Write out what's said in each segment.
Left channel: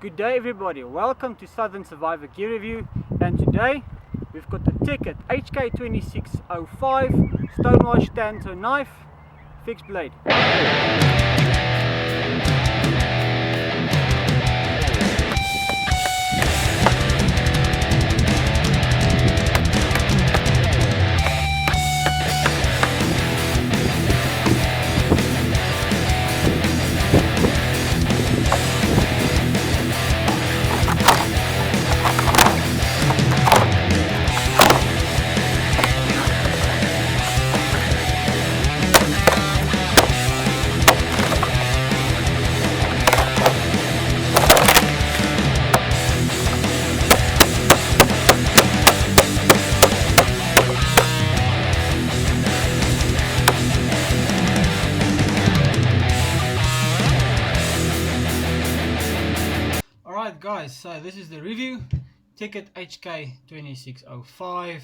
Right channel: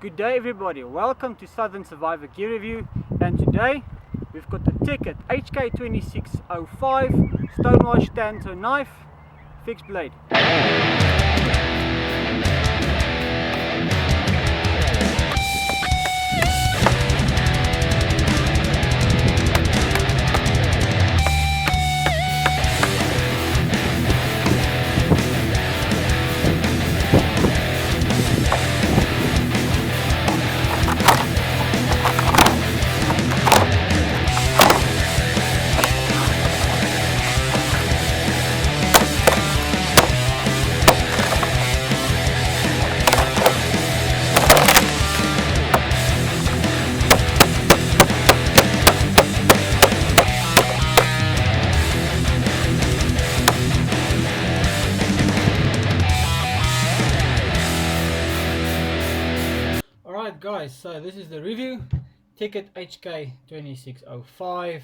Good day everybody, welcome to Southern Survivor Gear Review, and today we've got the Tekut HK2605 Stonewash Tanto knife fixed blade. Alright guys, so this is the review. Tekut HK2605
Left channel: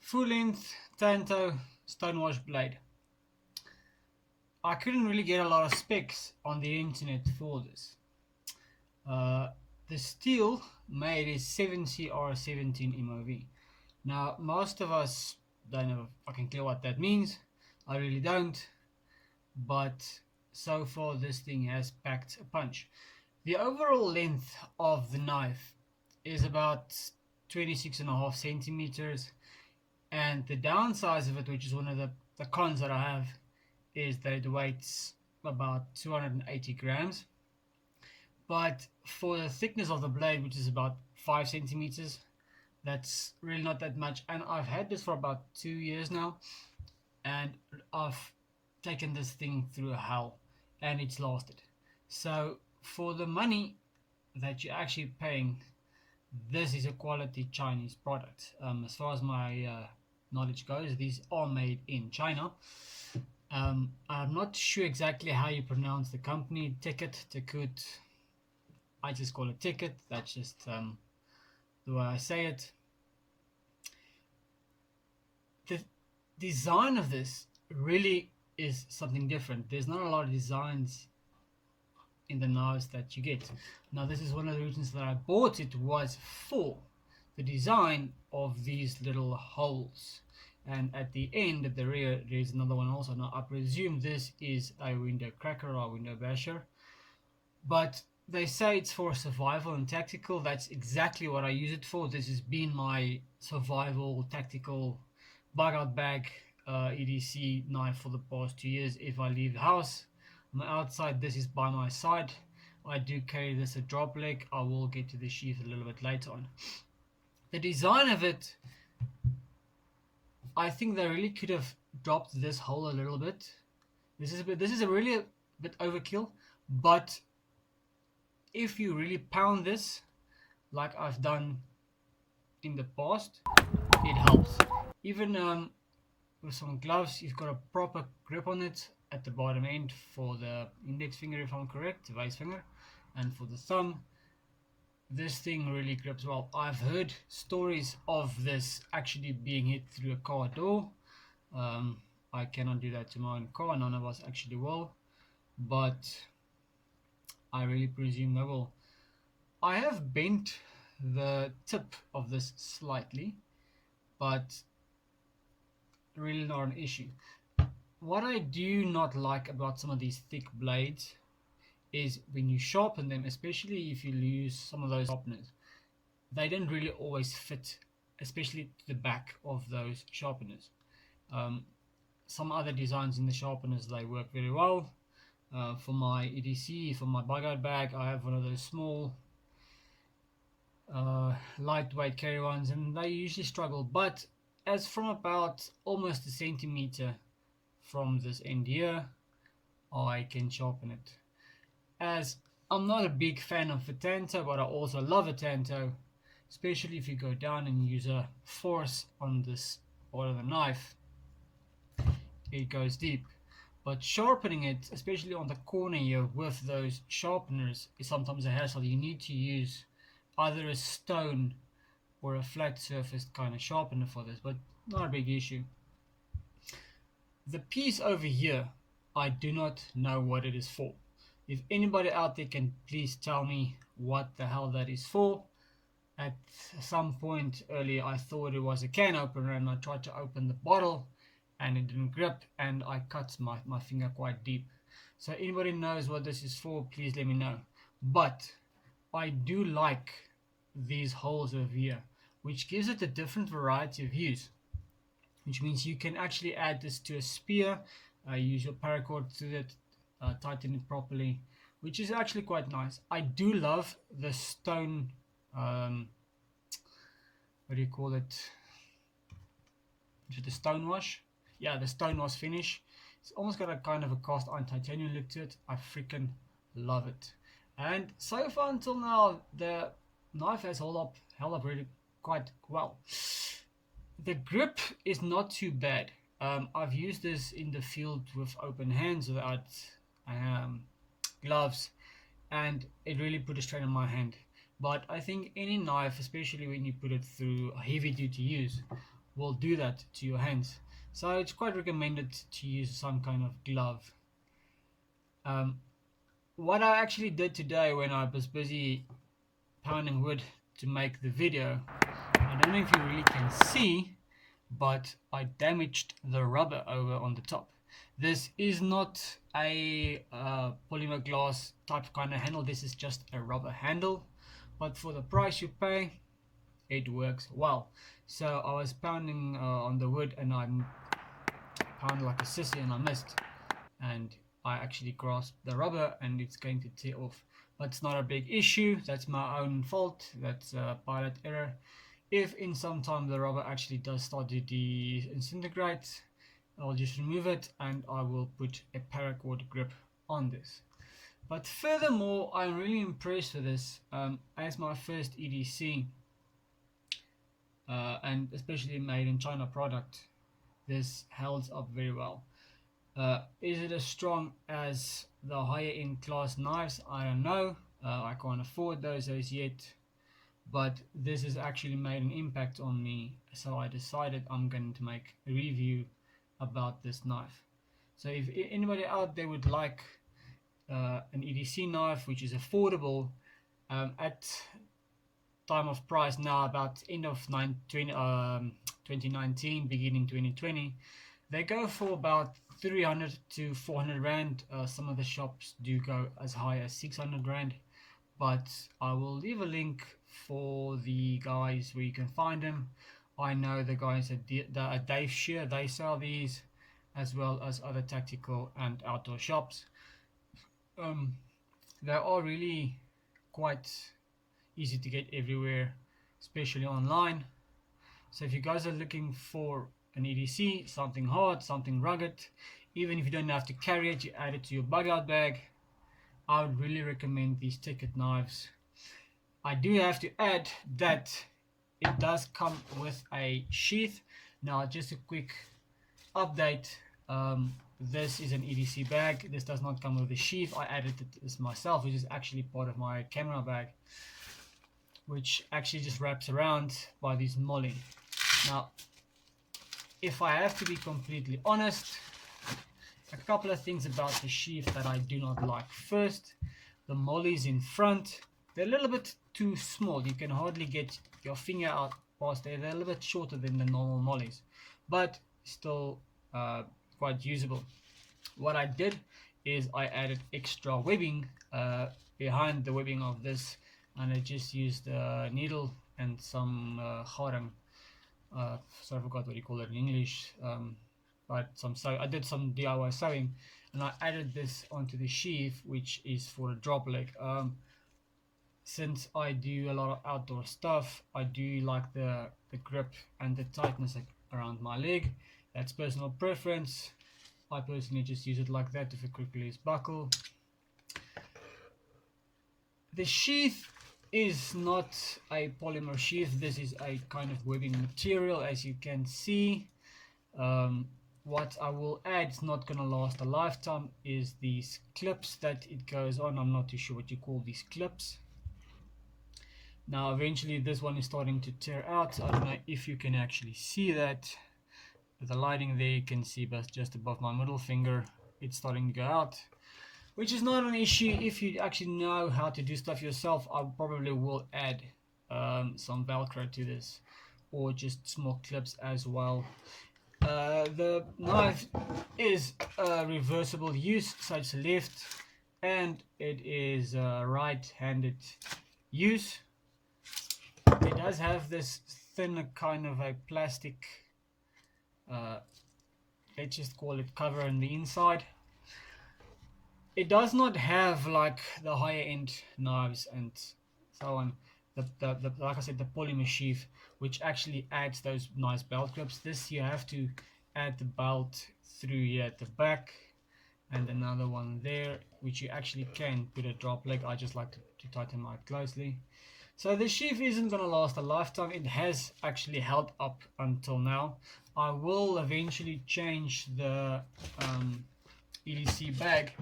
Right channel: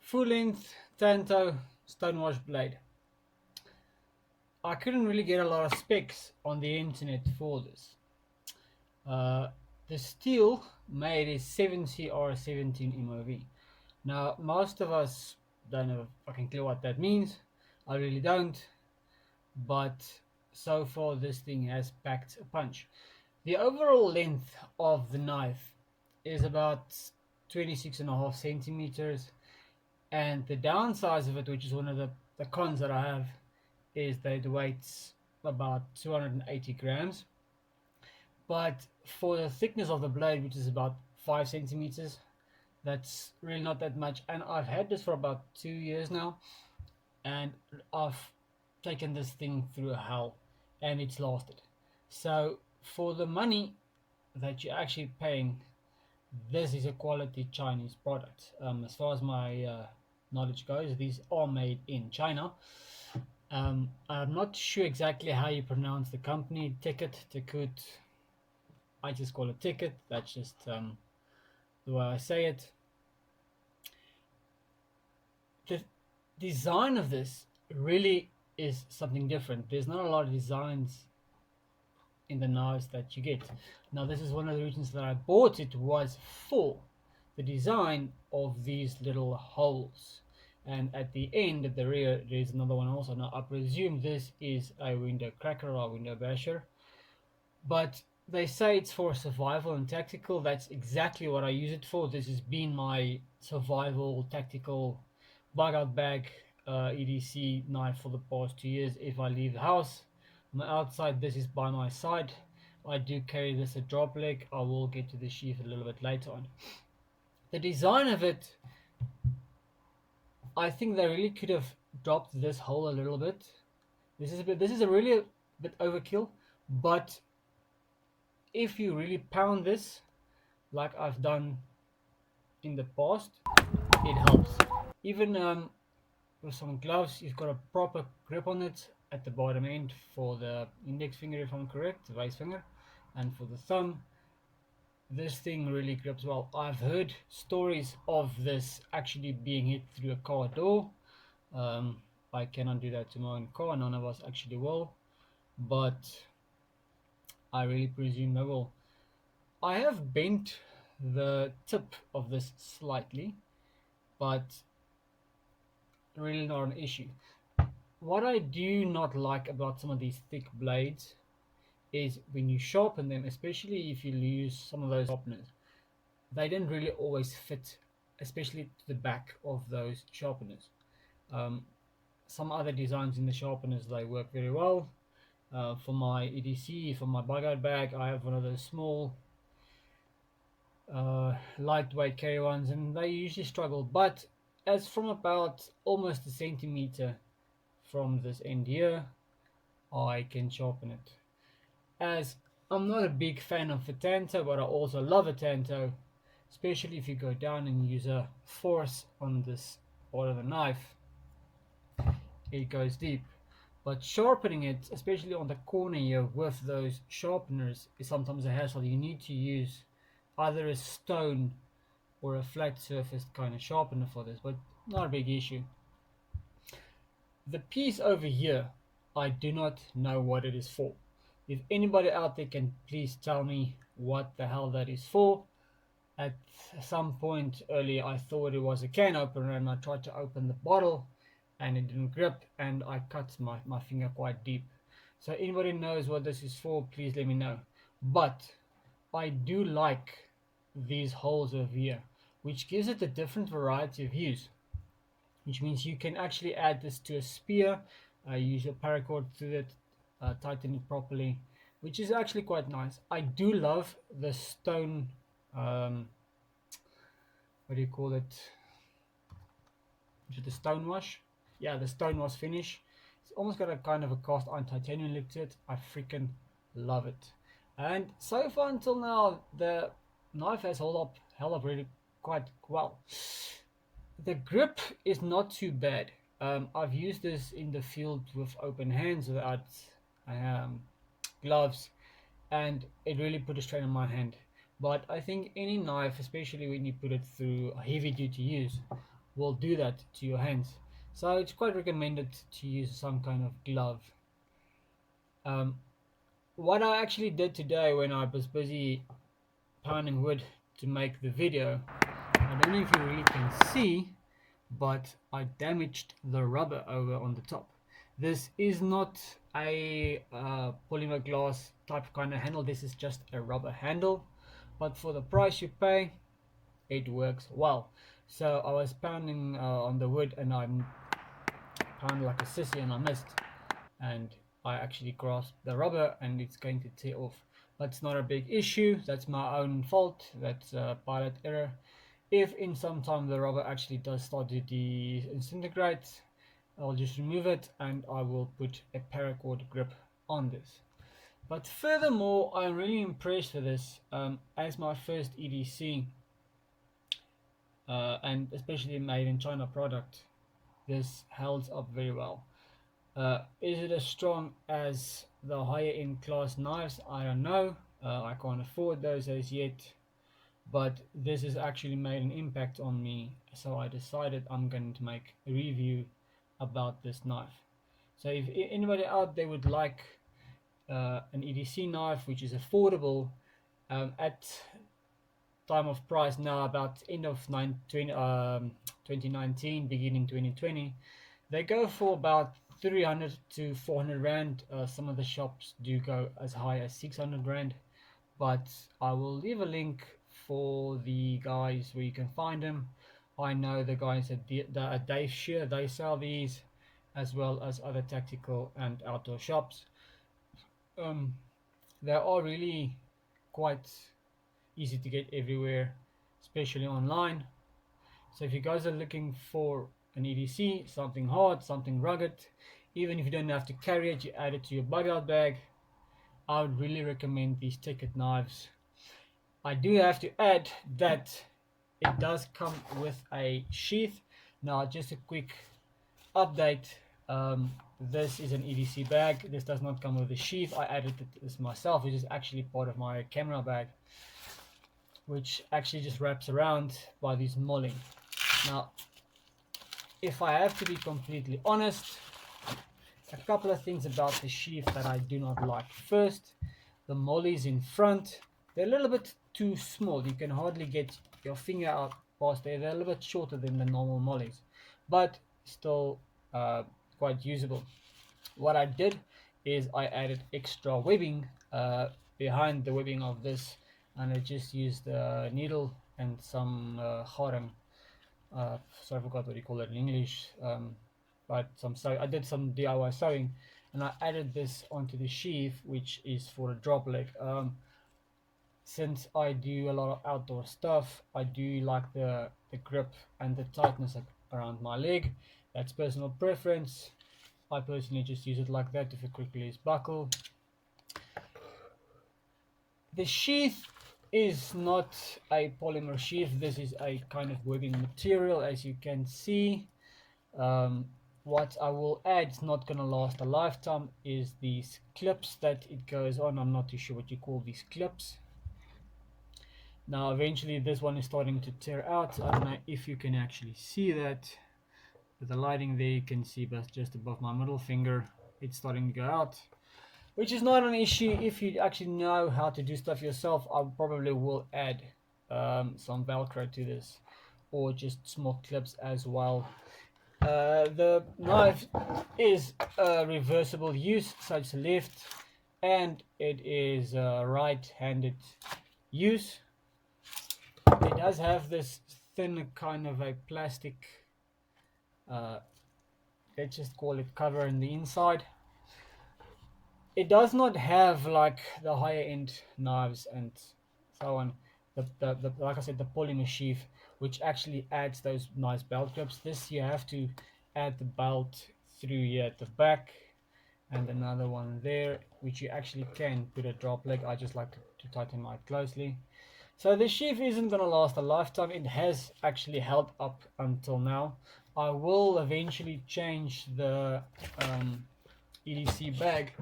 full length tanto stonewash blade. I couldn't really get a lot of specs on the internet for this. The steel made is 7CR17 MOV. Now most of us don't have a fucking clue what that means. I really don't, but so far this thing has packed a punch. The overall length of the knife is about 26.5 centimeters, and the downside of it, which is one of the cons that I have, is that it weighs about 280 grams. But for the thickness of the blade, which is about 5 centimeters, that's really not that much. And I've had this for about 2 years now, and I've taken this thing through hell, and it's lasted. So for the money that you're actually paying, this is a quality Chinese product. As far as my knowledge goes, these are made in China. I'm not sure exactly how you pronounce the company. Tekut. I just call it Tekut. That's just the way I say it. The design of this really is something different. There's not a lot of designs in the knives that you get. Now this is one of the reasons that I bought it, was for the design of these little holes, and at the end, at the rear, there's another one also. Now I presume this is a window cracker or a window basher, but they say it's for survival and tactical. That's exactly what I use it for. This has been my survival tactical bug out bag EDC knife for the past 2 years. If I leave the house, I'm outside, this is by my side. I do carry this a drop leg. I will get to the sheath a little bit later on. The design of it, I think they really could have dropped this hole a little bit. This is a really a bit overkill, but if you really pound this like I've done in the past, it helps. Even with some gloves, you've got a proper grip on it at the bottom end for the index finger, if I'm correct, the vice finger, and for the thumb. This thing really grips well. I've heard stories of this actually being hit through a car door. I cannot do that to my own car, none of us actually will, but I really presume they will. I have bent the tip of this slightly, but really not an issue. What I do not like about some of these thick blades is when you sharpen them, especially if you use some of those sharpeners, they don't really always fit, especially to the back of those sharpeners. Some other designs in the sharpeners, they work very well. For my EDC, for my bug out bag, I have one of those small lightweight carry ones, and they usually struggle. But as from about almost a centimeter from this end here, I can sharpen it. As I'm not a big fan of a tanto, but I also love a tanto, especially if you go down and use a force on this part of the knife, it goes deep. But sharpening it, especially on the corner here with those sharpeners, is sometimes a hassle. You need to use either a stone or a flat surfaced kind of sharpener for this, but not a big issue. The piece over here, I do not know what it is for. If anybody out there can please tell me what the hell that is for. At some point earlier I thought it was a can opener, and I tried to open the bottle and it didn't grip, and I cut my finger quite deep. So anybody knows what this is for, please let me know. But I do like these holes over here, which gives it a different variety of use, which means you can actually add this to a spear, use your paracord to it, tighten it properly, which is actually quite nice. I do love the stone, what do you call it? Is it the Stonewash? Yeah, the Stonewash finish. It's almost got a kind of a cast iron titanium look to it. I freaking love it. And so far until now, the knife has held up really quite well. The grip is not too bad. I've used this in the field with open hands without gloves, and it really put a strain on my hand. But I think any knife, especially when you put it through a heavy duty use, will do that to your hands. So it's quite recommended to use some kind of glove. What I actually did today when I was busy pounding wood to make the video, I don't know if you really can see, but I damaged the rubber over on the top. This is not a polymer glass type kind of handle. This is just a rubber handle, but for the price you pay, it works well. So I was pounding on the wood, and I pounded like a sissy, and I missed, and I actually grasped the rubber, and it's going to tear off. But it's not a big issue. That's my own fault. That's a pilot error. If in some time the rubber actually does start to disintegrate, I'll just remove it, and I will put a paracord grip on this. But furthermore, I'm really impressed with this as my first EDC, and especially made in China product. This holds up very well. Is it as strong as the higher end class knives? I don't know. I can't afford those as yet, but this has actually made an impact on me, so I decided I'm going to make a review about this knife. So if anybody out there would like an EDC knife which is affordable, at time of price now, about end of 2019 beginning 2020, they go for about 300 to 400 rand. Some of the shops do go as high as 600 rand, but I will leave a link for the guys where you can find them. I know the guys at Dave Shear, they sell these, as well as other tactical and outdoor shops. They are really quite easy to get everywhere, especially online. So if you guys are looking for an EDC, something hard, something rugged, even if you don't have to carry it, you add it to your bug out bag, I would really recommend these Tekut knives. I do have to add that it does come with a sheath. Now just a quick update, this is an EDC bag. This does not come with a sheath. I added this myself, which is actually part of my camera bag, which actually just wraps around by this molly. Now if I have to be completely honest, a couple of things about the sheath that I do not like. First, the mollies in front, they're a little bit too small. You can hardly get your finger out past there. They're a little bit shorter than the normal mollies, but still quite usable. What I did is I added extra webbing behind the webbing of this, and I just used a needle and some harang. So I forgot what you call it in English, but I did some DIY sewing, and I added this onto the sheath, which is for a drop leg. Since I do a lot of outdoor stuff, I do like the grip and the tightness around my leg. That's personal preference. I personally just use it like that if it quickly is buckle. The sheath is not a polymer sheath. This is a kind of webbing material, as you can see. What I will add, it's not gonna last a lifetime, is these clips that it goes on. I'm not too sure what you call these clips. Now eventually this one is starting to tear out. I don't know if you can actually see that. With the lighting there, you can see, but just above my middle finger, it's starting to go out. which is not an issue if you actually know how to do stuff yourself. I probably will add some Velcro to this, or just small clips as well. The knife is a reversible use, so it's left, and it is right-handed use. It does have this thin kind of a plastic, let's just call it cover on the inside. It does not have like the higher end knives and so on. The like I said, the polymer sheath, which actually adds those nice belt grips. This you have to add the belt through here at the back, and another one there, which you actually can put a drop leg. I just like to tighten mine closely. So the sheath isn't going to last a lifetime. It has actually held up until now. I will eventually change the EDC bag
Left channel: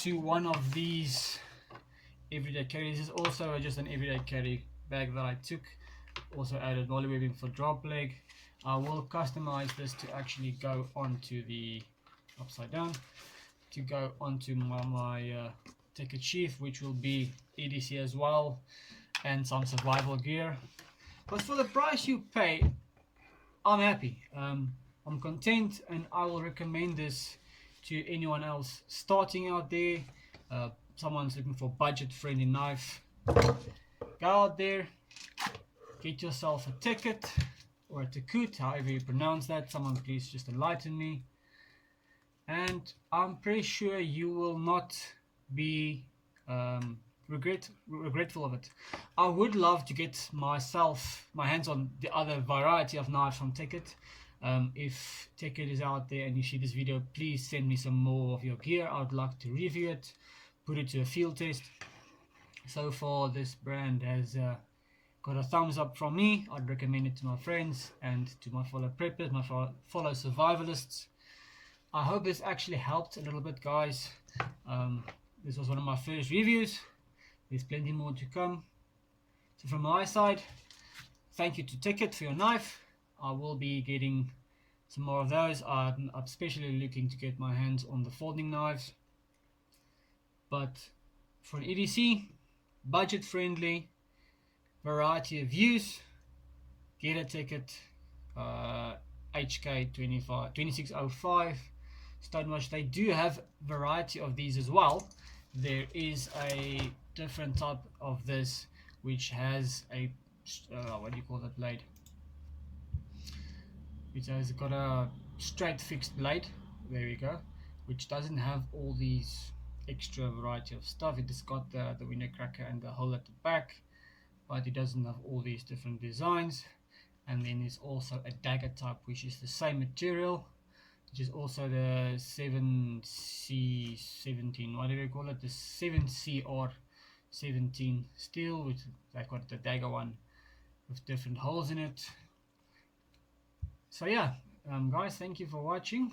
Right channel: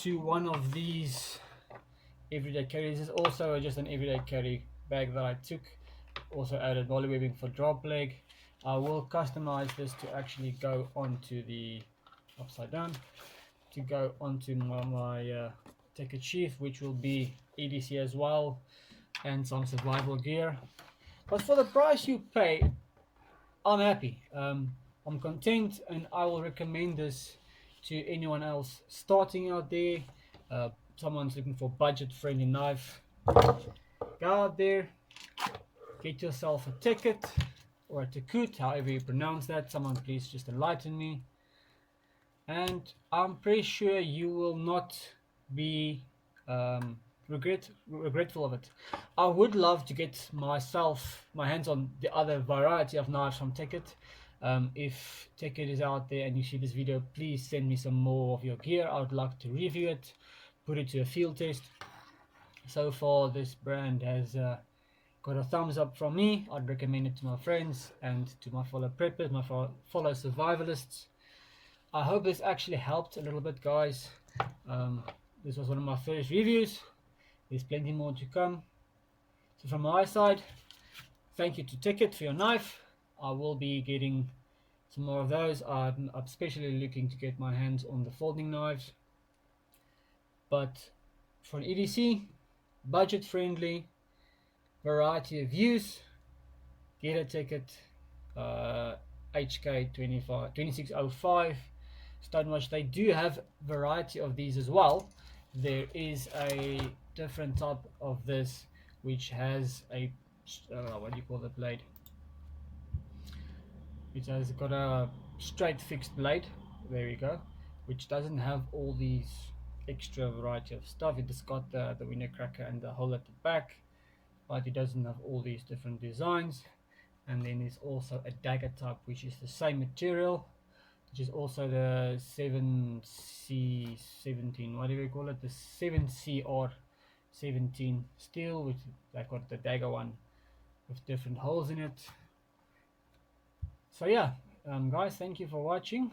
to one of these everyday carry. This is also just an everyday carry bag that I took. Also added volley webbing for drop leg. I will customize this to actually go onto the upside down, to go onto my Tekut sheath, which will be EDC as well, and some survival gear. But for the price you pay, I'm happy. I'm content, and I will recommend this to anyone else starting out there. Someone's looking for budget-friendly knife. Go out there, get yourself a Tekut or a Tekut, however you pronounce that. Someone please just enlighten me. And I'm pretty sure you will not be regretful of it. I would love to get my hands on the other variety of knives from Tekut. If Tekut is out there and you see this video, please send me some more of your gear. I would like to review it, put it to a field test. So far this brand has got a thumbs up from me. I'd recommend it to my friends and to my fellow preppers, my fellow survivalists. I hope this actually helped a little bit, guys. This was one of my first reviews. There's plenty more to come. So from my side, thank you to Tekut for your knife. I will be getting some more of those. I'm especially looking to get my hands on the folding knives. But for an EDC, budget friendly, variety of use, get a Tekut HK2605 Stonewash. They do have variety of these as well. There is a different type of this which has a what do you call the blade? It has got a straight fixed blade. There we go. Which doesn't have all these extra variety of stuff. It has got the window cracker and the hole at the back, but it doesn't have all these different designs. And then there's also a dagger type, which is the same material, which is also the 7C17, what do we call it, the 7CR17 steel, which they've got the dagger one with different holes in it. So yeah, guys, thank you for watching,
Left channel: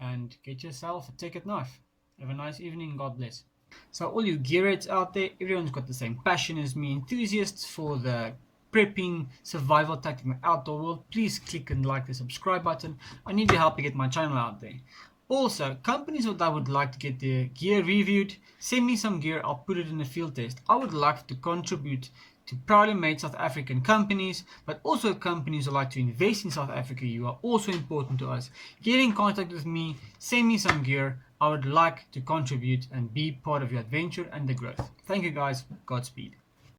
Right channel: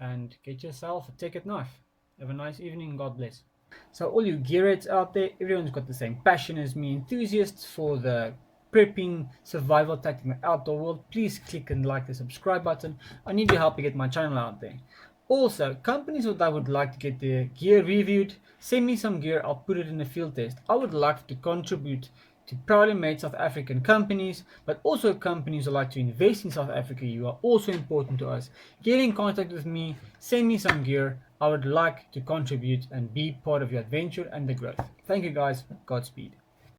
and get yourself a Tekut knife. Have a nice evening, God bless. So all you gearheads out there, everyone's got the same passion as me, enthusiasts for the prepping, survival tactic in the outdoor world. Please click and like the subscribe button. I need your help to get my channel out there. Also, companies that would like to get their gear reviewed, send me some gear, I'll put it in a field test. I would like to contribute to proudly made South African companies, but also companies who like to invest in South Africa. You are also important to us. Get in contact with me, send me some gear. I would like to contribute and be part of your adventure and the growth. Thank you guys, Godspeed.